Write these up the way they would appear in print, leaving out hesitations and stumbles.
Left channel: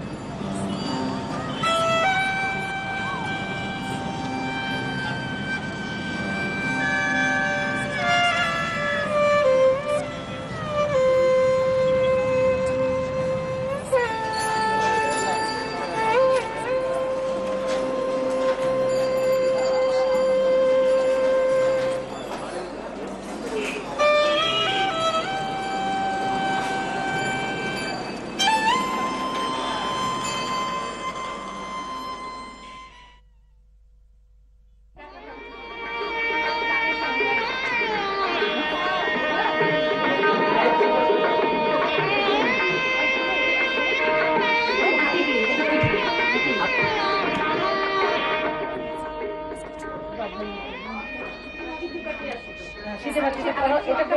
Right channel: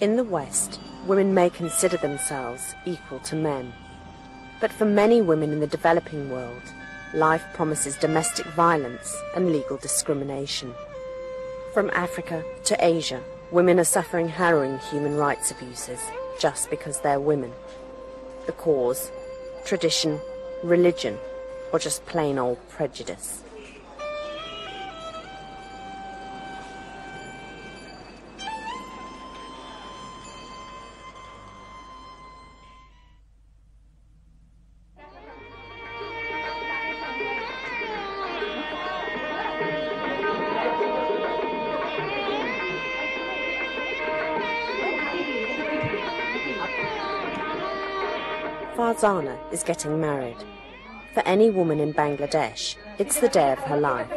In the West, women may consider themselves equal to men. But for many women in the developing world, life promises domestic violence and legal discrimination. From Africa to Asia, women are suffering harrowing human rights abuses just because they're women. The cause, tradition, religion, or just plain old prejudice. Farzana is getting married. For any woman in Bangladesh, it's the day of her life.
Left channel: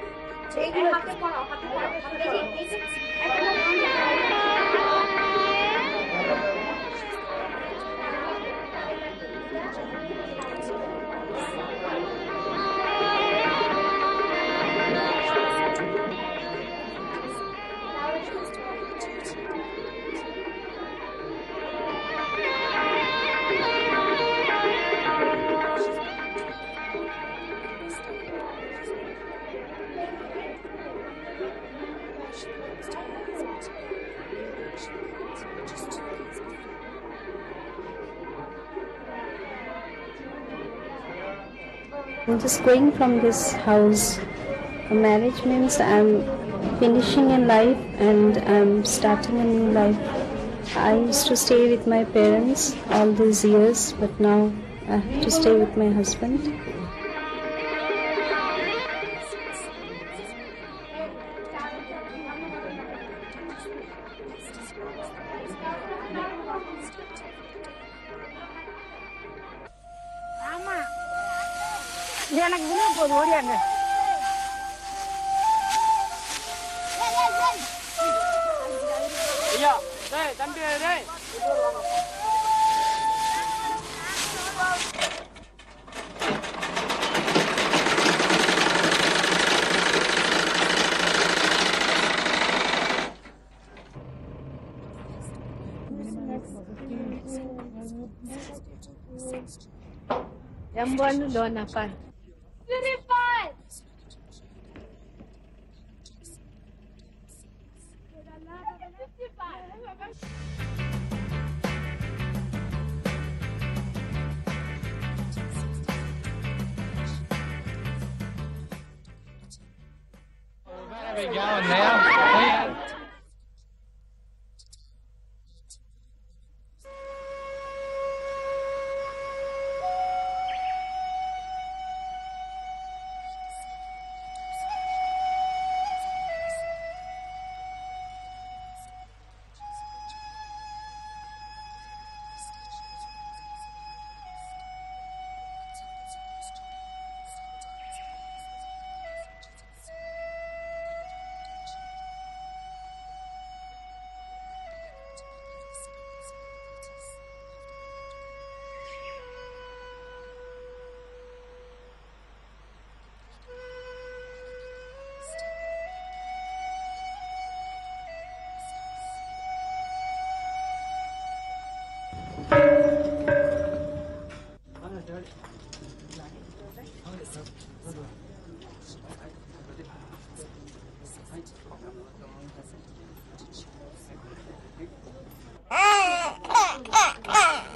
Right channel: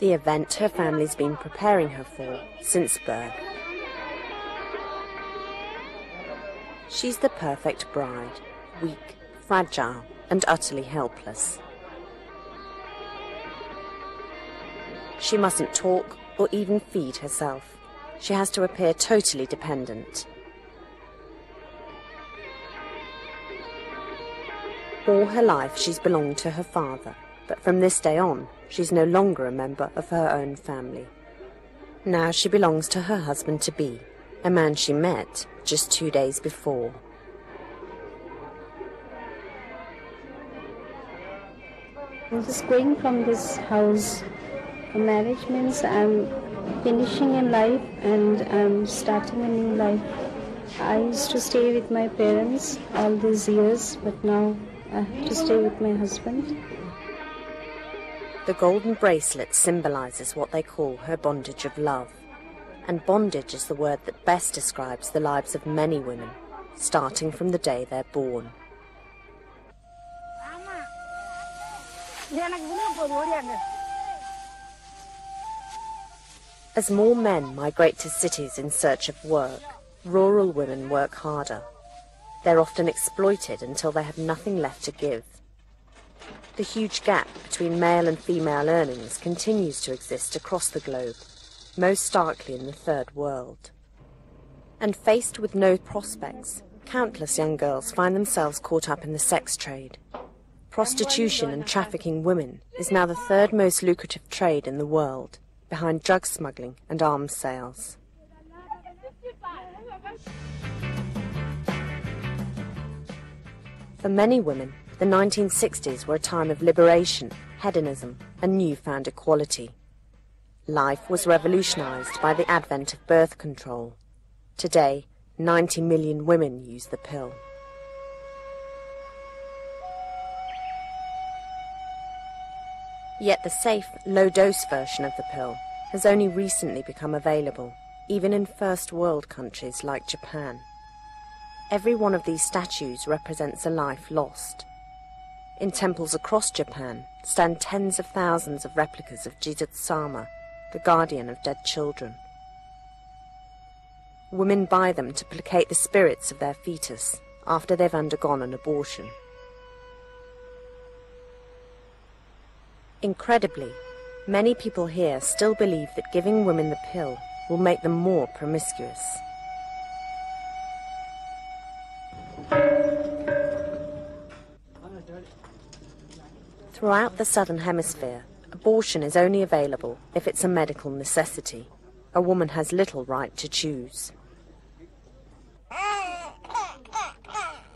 The event her family's been preparing her for since birth. She's the perfect bride, weak, fragile, and utterly helpless. She mustn't talk or even feed herself. She has to appear totally dependent. All her life she's belonged to her father, but from this day on, she's no longer a member of her own family. Now she belongs to her husband-to-be, a man she met just 2 days before. I'm just going from this house. Marriage means I'm finishing in life and I'm starting a new life. I used to stay with my parents all these years, but now I have to stay with my husband. The golden bracelet symbolizes what they call her bondage of love. And bondage is the word that best describes the lives of many women, starting from the day they're born. As more men migrate to cities in search of work, rural women work harder. They're often exploited until they have nothing left to give. The huge gap between male and female earnings continues to exist across the globe, most starkly in the third world. And faced with no prospects, countless young girls find themselves caught up in the sex trade. Prostitution and trafficking women is now the third most lucrative trade in the world, behind drug smuggling and arms sales. For many women, the 1960s were a time of liberation, hedonism, and newfound equality. Life was revolutionized by the advent of birth control. Today, 90 million women use the pill. Yet the safe, low-dose version of the pill has only recently become available, even in first world countries like Japan. Every one of these statues represents a life lost. In temples across Japan stand tens of thousands of replicas of Jidot-sama, the guardian of dead children. Women buy them to placate the spirits of their fetus after they've undergone an abortion. Incredibly, many people here still believe that giving women the pill will make them more promiscuous. Throughout the Southern Hemisphere, abortion is only available if it's a medical necessity. A woman has little right to choose.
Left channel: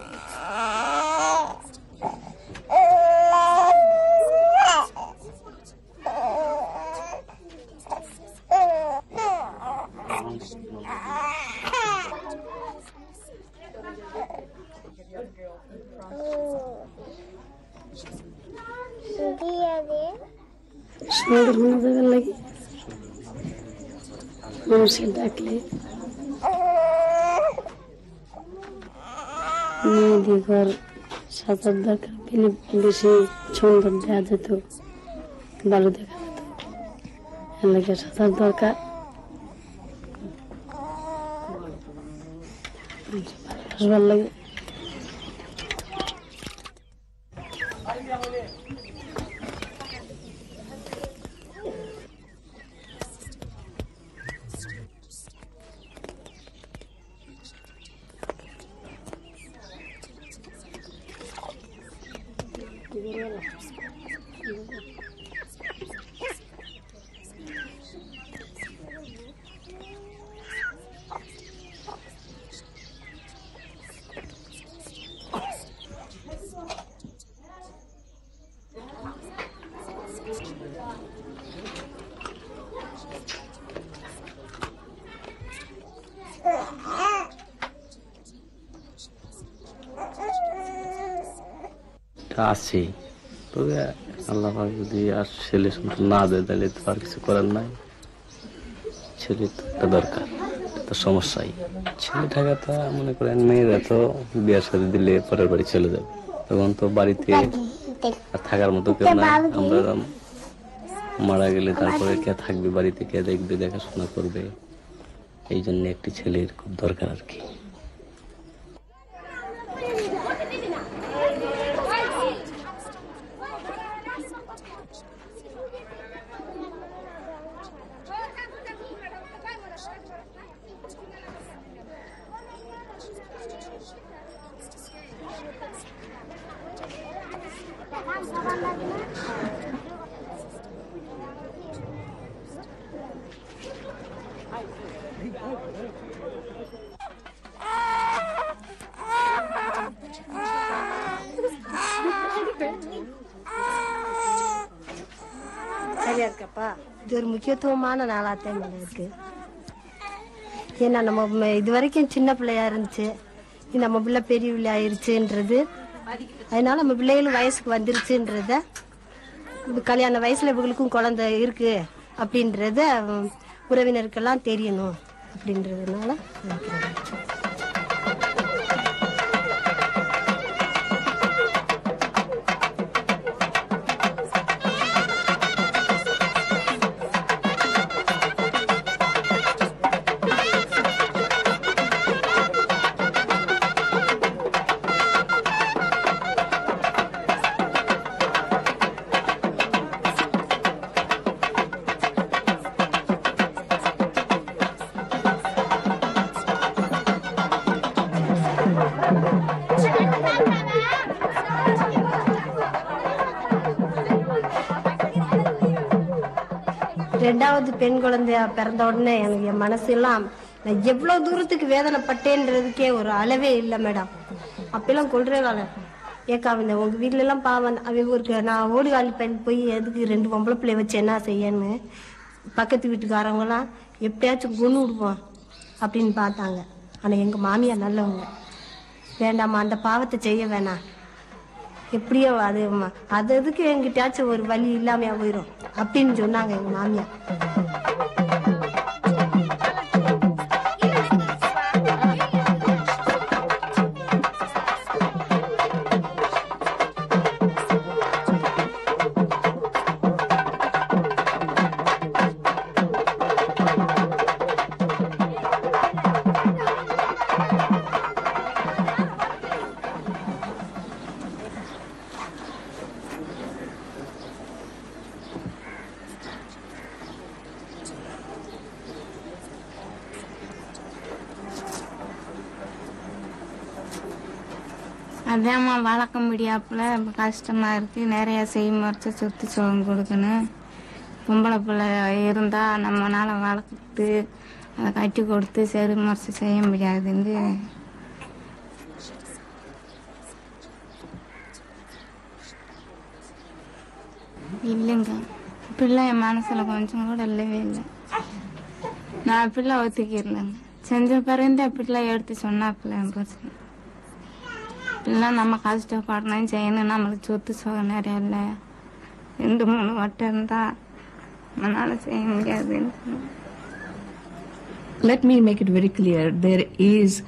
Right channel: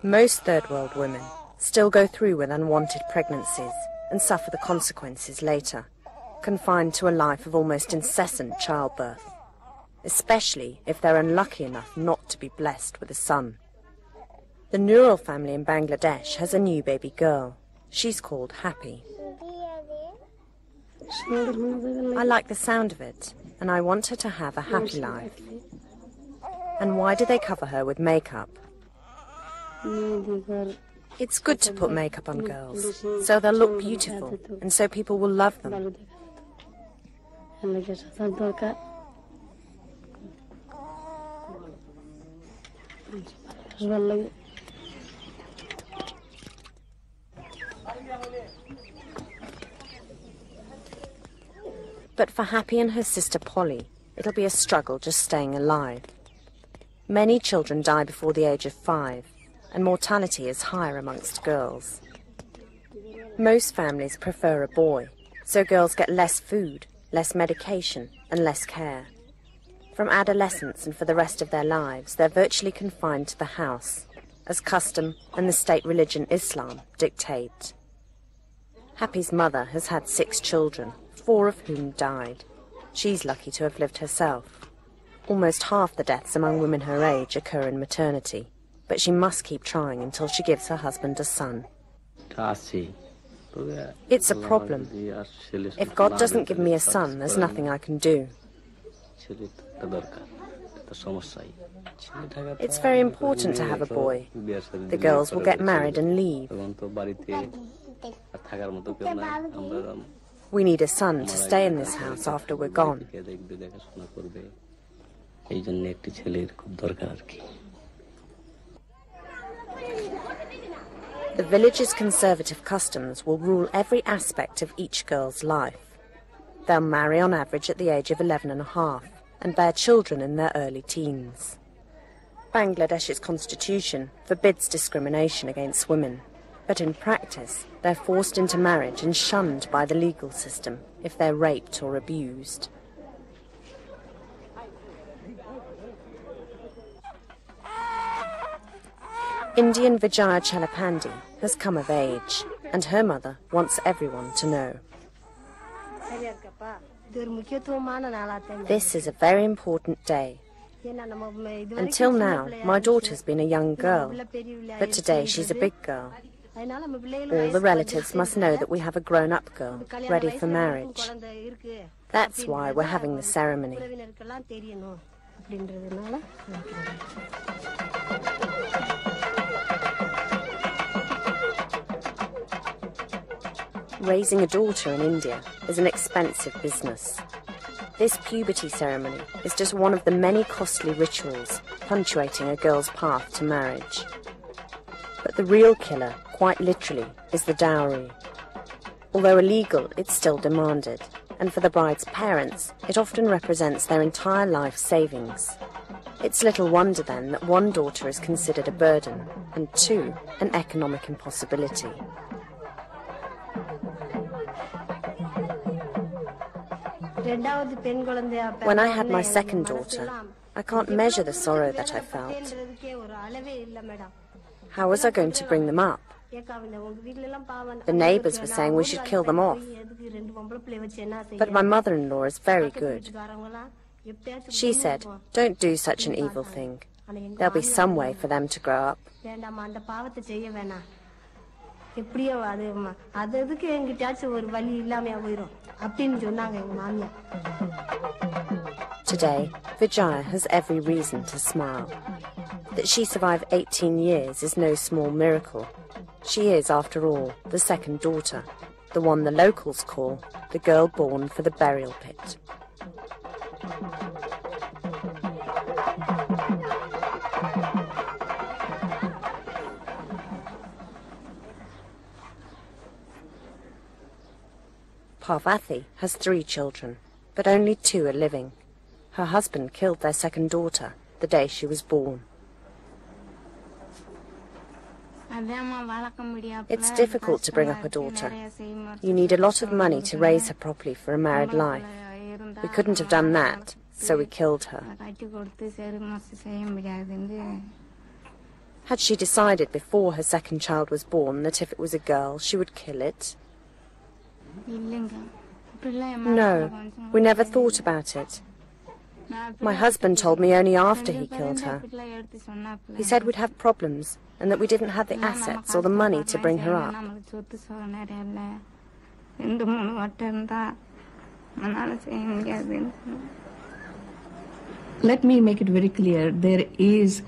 Most third world women still go through with unwanted pregnancies and suffer the consequences later, confined to a life of almost incessant childbirth, especially if they're unlucky enough not to be blessed with a son. The Nurul family in Bangladesh has a new baby girl. She's called Happy. I like the sound of it, and I want her to have a happy life. And why do they cover her with makeup? It's good to put makeup on girls, so they'll look beautiful, and so people will love them. But for Happy and her sister Polly, it'll be a struggle just staying alive. Many children die before the age of 5, and mortality is higher amongst girls. Most families prefer a boy, so girls get less food, less medication, and less care. From adolescence and for the rest of their lives, they're virtually confined to the house, as custom and the state religion Islam dictate. Happy's mother has had 6 children, 4 of whom died. She's lucky to have lived herself. Almost half the deaths among women her age occur in maternity, but she must keep trying until she gives her husband a son. It's a problem. If God doesn't give me a son, there's nothing I can do. It's very important to have a boy. The girls will get married and leave. We need a son to stay in this house after we're gone. The village's conservative customs will rule every aspect of each girl's life. They'll marry on average at the age of 11.5 and bear children in their early teens. Bangladesh's constitution forbids discrimination against women, but in practice they're forced into marriage and shunned by the legal system if they're raped or abused. Indian Vijaya Chalapandi has come of age, and her mother wants everyone to know. This is a very important day. Until now, my daughter's been a young girl, but today she's a big girl. All the relatives must know that we have a grown-up girl ready for marriage. That's why we're having the ceremony. Raising a daughter in India is an expensive business. This puberty ceremony is just one of the many costly rituals punctuating a girl's path to marriage. But the real killer, quite literally, is the dowry. Although illegal, it's still demanded, and for the bride's parents, it often represents their entire life savings. It's little wonder then that one daughter is considered a burden, and 2, an economic impossibility. When I had my second daughter, I can't measure the sorrow that I felt. How was I going to bring them up? The neighbours were saying we should kill them off. But my mother-in-law is very good. She said, don't do such an evil thing. There'll be some way for them to grow up. Today, Vijaya has every reason to smile. That she survived 18 years is no small miracle. She is, after all, the second daughter, the one the locals call the girl born for the burial pit. Parvati has 3 children, but only 2 are living. Her husband killed their second daughter the day she was born. It's difficult to bring up a daughter. We need a lot of money to raise her properly for a married life. We couldn't have done that, so we killed her. Had she decided before her second child was born that if it was a girl, she would kill it? No, we never thought about it. My husband told me only after he killed her. He said we'd have problems and that we didn't have the assets or the money to bring her up. Let me make it very clear, there is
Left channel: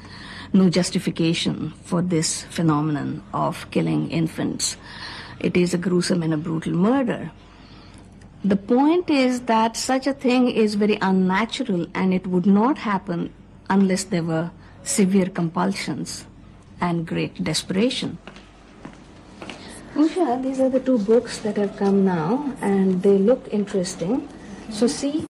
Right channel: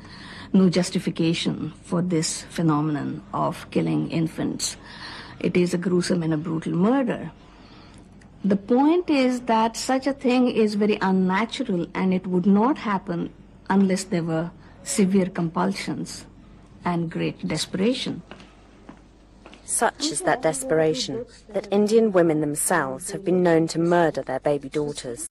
no justification for this phenomenon of killing infants. It is a gruesome and a brutal murder. The point is that such a thing is very unnatural, and it would not happen unless there were severe compulsions and great desperation. Such is that desperation that Indian women themselves have been known to murder their baby daughters.